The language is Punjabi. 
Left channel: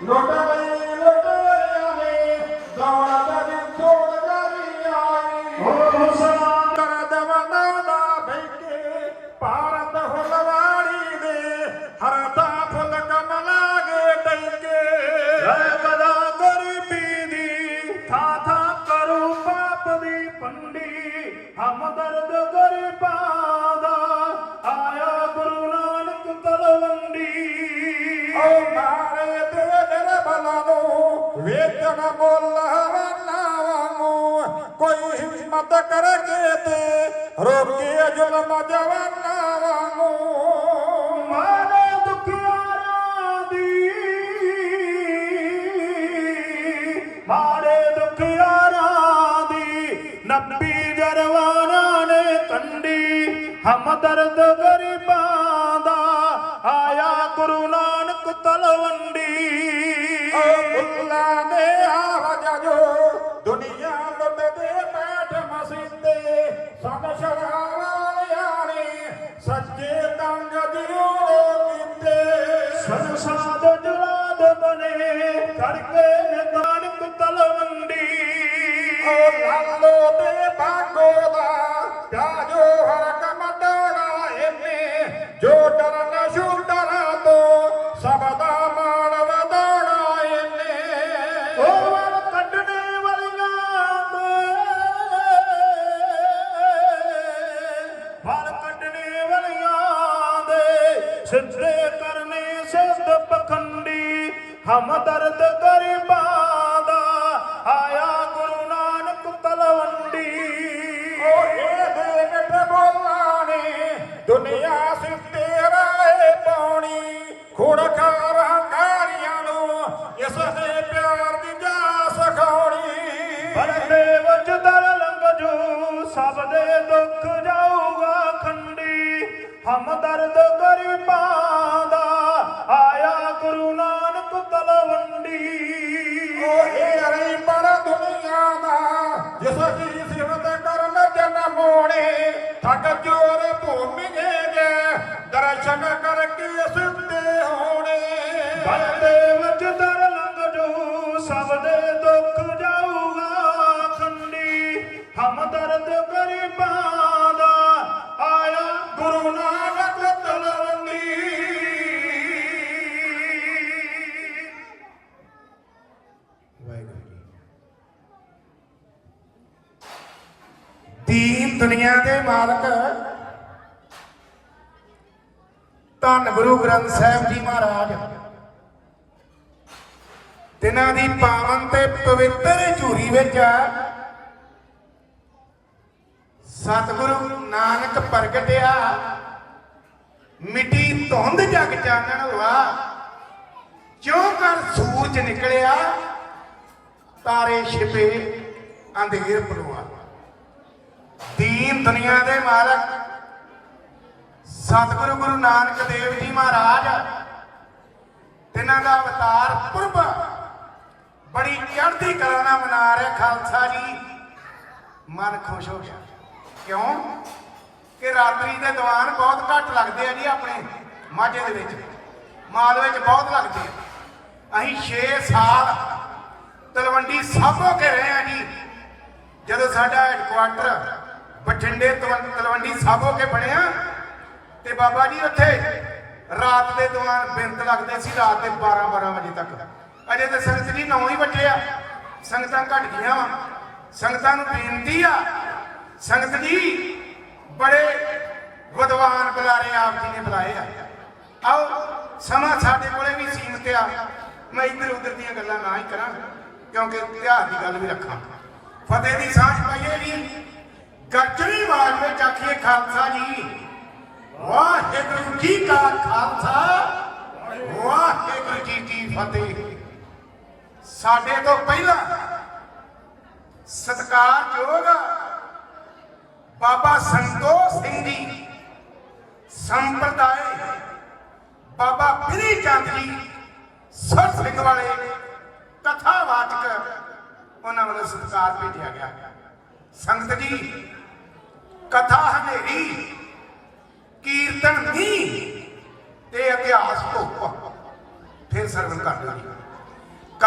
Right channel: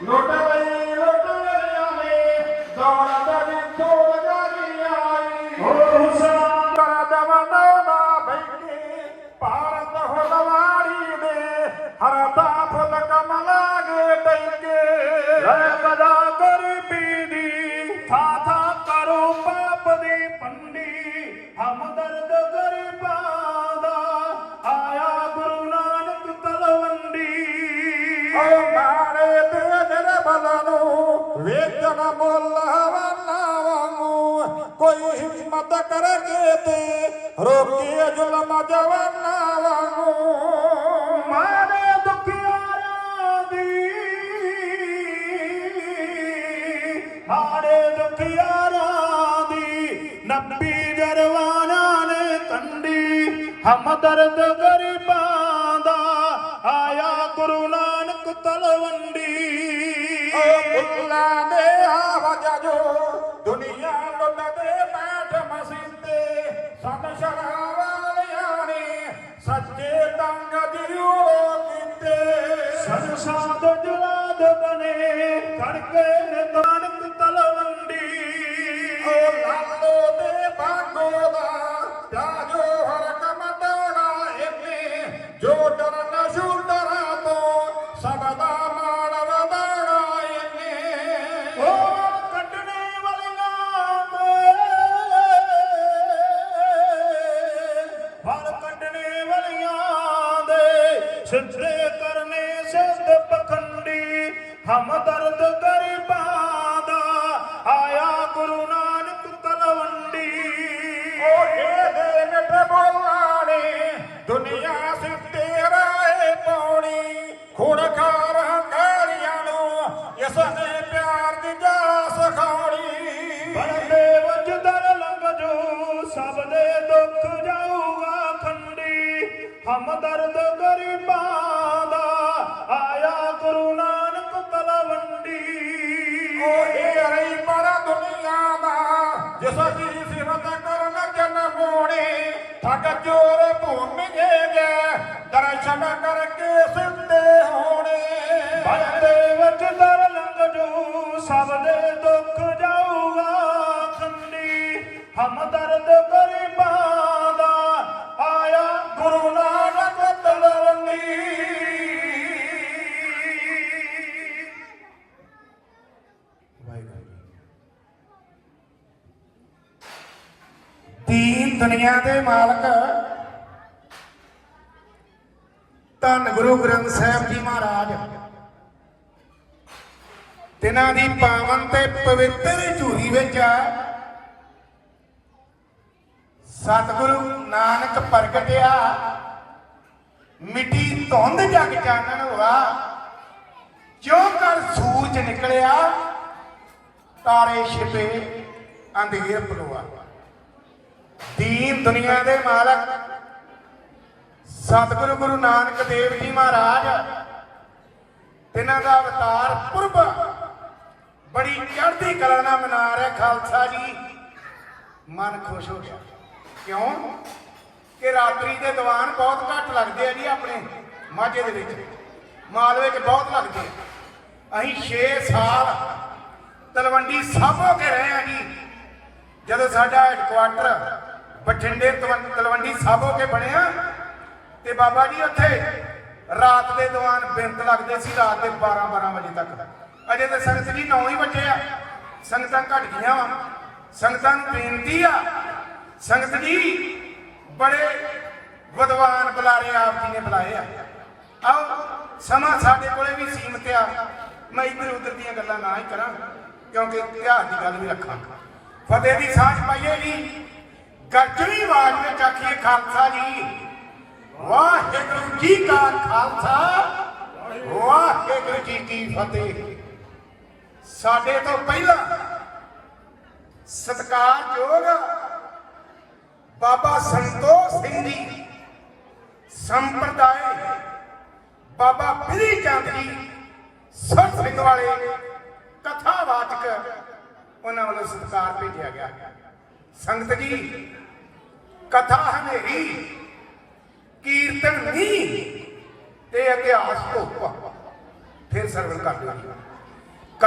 ਲੋਟਾ ਬਈ ਲੋਟਾ ਆਵੇ ਦੌੜਦਾ ਦਿਨ ਤੋੜ ਗਾਰੀ ਆਈ ਹੋ ਹੁਸਨ। ਦਮਨਾ ਨਾ ਬੈਠੇ ਭਾਰਤ ਹੁਲਵਾਰੀ ਦੇ ਹਰਤਾ ਫੁੱਲ ਕਮਲਾਗੇ ਟੈਕੇ। ਰਹਿ ਕਦਾ ਗਰੀਬੀ ਦੀ ਥਾ ਥਾ ਕਰੋ ਪਾਪ ਦੀ ਪੰਡੀ ਹਮਦਰਦ ਕਰਕੇ ਤੇ ਰੋਕੇ ਜ਼ੁਲਮ ਜਵਾਨਾ ਵਾਂਗੂ ਮਾਰੇ ਦੁਖਿਆਰਾਂ ਦੀ, ਮਾਰੇ ਦੁਖਿਆਰਾਂ ਦੀ, ਨੱਬੀ ਜਰਵਾਨਾਂ ਨੇ ਕੰਡੀ ਹਮਦਰਦ ਗਰੀਬਾਂ ਦਾ, ਆਇਆ ਗੁਰੂ ਨਾਨਕ ਤਲਵੰਡੀ। ਬਨੇ ਕਰਕੇ ਨਾਨਕ ਤਲਵੰਡੀ ਓ ਲਾਲੋ ਤੇ ਬਾਗੋ ਦਾ ਪਿਆਜੋ ਹਰ ਕਮਟਣਾ ਇਹਨੇ। ਜੋ ਡਰਨਾ ਛੁਟਣਾ ਤੋਂ ਸਭ ਦਾ ਮਾਣ ਵਧਾਉਣਾ ਇਹਨੇ। ਉਹ ਕੱਢਣੇ ਵਾਲੀਆਂ ਦੇ। ਫਲ ਕੱਢਣੇ ਵਾਲੀਆਂ ਦੇ। ਸਿੱਧੇ ਕਰਨੇ ਸਿੱਧ ਹਮਦਰਦ ਗਰੀਬਾਂ ਦਾ ਆਇਆ ਗੁਰੂ ਨਾਨਕ ਤਲਵੰਡੀ। ਓ ਇਹਦੇ ਨਟ ਬੋਲਾਣੀ ਦੁਨੀਆ ਸਿੱਤੇ ਰਾਏ ਪਾਉਣੀ। ਖੁੜਖਾਰਾਂ ਕਾਲੀਆਂ ਨੂੰ ਇਸ ਨੇ ਪਿਆਰ ਦੀ ਜਾ ਸਖਾਉਣੀ। ਬੰਦੇ ਵਜਦਰ ਲੰਘ ਜੋ ਸਭ ਦੇ ਦੁੱਖ ਜਾਊਗਾ ਖੰਡੀ। ਹਮਦਰਦ ਗਰੀਬਾਂ ਹਮਦਰਦ ਗਰੀਬਾਂ ਦਾ ਆਇਆ ਗੁਰੂ ਨਾਨਕ ਤਲਵੰਡੀ। ਦੀਨ ਦੁਨੀਆ ਦੇ ਮਾਲਕ, ਧੰਨ ਗੁਰੂ ਗ੍ਰੰਥ ਸਾਹਿਬ ਜੀ ਮਹਾਰਾਜ। ਤਿਨਾਂ ਦੀ ਪਾਵਨ ਤੇ ਪਵਿੱਤਰ ਝੂਰੀ ਵਿੱਚ ਸਤਿਗੁਰੂ ਨਾਨਕ ਪ੍ਰਗਟਿਆ। ਮਿੱਟੀ ਧੁੰਦ ਜਗ ਜਾਣਨ ਵਾ ਕਿਉਂ ਕਰ ਸੂਰਜ ਨਿਕਲਿਆ? ਤਾਰੇ ਛਿਪੇ, ਅੰਧੇਰ ਪਰਵਾ। ਦੀਨ ਦੁਨੀਆ ਦੇ ਮਾਲਕ। ਸਤਿਗੁਰੂ ਗੁਰੂ ਨਾਨਕ ਦੇਵ ਜੀ ਮਹਾਰਾਜ, ਤਿਨਾਂ ਦਾ ਅਵਤਾਰ ਪੁਰਬ। ਬੜੀ ਚੜ੍ਹਦੀ ਕਲਾ ਨਾਲ ਮਨਾ ਰਿਹਾ ਖਾਲਸਾ ਜੀ। ਮਨ ਖੁਸ਼ ਹੋ ਗਿਆ। ਕਿਉਂ? ਕਿ ਰਾਤਰੀ ਦੇ ਦੀਵਾਨ ਬਹੁਤ ਘੱਟ ਲੱਗਦੇ ਆ ਜੀ ਆਪਣੇ ਮਾਝੇ ਦੇ ਵਿੱਚ। ਮਾਲਵੇ 'ਚ ਬਹੁਤ ਲੱਗਦੇ ਆ। ਅਸੀਂ 6 ਸਾਲ ਤਲਵੰਡੀ ਸਾਬੋ ਕੇ ਰਹੇ ਆ ਜੀ। ਜਦੋਂ ਸਾਡਾ ਹੈਡਕੁਆਟਰ ਬਠਿੰਡੇ ਤੋਂ ਤਲਵੰਡੀ ਸਾਬੋ ਕੇ ਬਣਿਆ, ਤੇ ਬਾਬਾ ਜੀ ਉੱਥੇ ਰਾਤ ਦੇ ਦੀਵਾਨ ਬਿੰਤ ਲੱਗਦੇ ਸੀ, ਰਾਤ ਦੇ 12 12 ਵਜੇ ਤੱਕ। ਅਜੇ ਤੇ ਸੰਗਤ ਜੀ 9 ਹੀ ਵਜੇ ਆ। ਸੰਗਤਾਂ ਘਟ ਗਈਆਂ ਵਾ। ਸੰਗਤਾਂ ਨੂੰ ਬੇਨਤੀ ਆ ਸੰਗਤ ਜੀ, ਬੜੇ ਵਿਦਵਾਨ ਬੁਲਾਰੇ ਆਪ ਜੀ ਨੇ ਬੁਲਾਏ ਆ। ਆਓ, ਸਮਾਂ ਸਾਡੇ ਕੋਲੇ ਵੀ ਸੀਮਤ ਆ। ਮੈਂ ਇੱਧਰ ਉੱਧਰ ਦੀਆਂ ਗੱਲਾਂ ਨਾ ਹੀ ਕਰਾਂ, ਕਿਉਂਕਿ ਇਤਿਹਾਸ ਦੀ ਗੱਲ ਵੀ ਰੱਖਾਂ। ਫਤਿਹ ਦੀ ਸਾਂਝ ਪਾਈਏ ਜੀ। ਗੱਜਰੀ ਆਵਾਜ਼ ਵਿੱਚ ਆਖੀਏ ਖਾਲਸਾ ਜੀ, ਵਾਹਿਗੁਰੂ ਜੀ ਕਾ ਖਾਲਸਾ, ਵਾਹਿਗੁਰੂ ਜੀ ਕੀ ਫਤਿਹ। ਸਾਡੇ ਤੋਂ ਪਹਿਲਾਂ ਸਤਿਕਾਰਯੋਗ ਬਾਬਾ ਸੰਤੋਖ ਸਿੰਘ ਜੀ ਸੰਪਰਦਾਇ ਬਾਬਾ ਬਿਰੀ ਚੰਦ ਜੀ ਸਰ ਸਿੰਘ ਵਾਲੇ ਕਥਾਵਾਚਕ ਉਹਨਾਂ ਵੱਲੋਂ ਸਤਿਕਾਰ ਭੇਜਿਆ ਗਿਆ। ਸੰਗਤ ਜੀ, ਕਥਾ ਹਨੇਰੀ, ਕੀਰਤਨ ਨਹੀਂ ਤੇ ਇਤਿਹਾਸ ਧੁੱਪ, ਫਿਰ ਸਰਵਣ ਕਰ ਲਾਂਗੇ।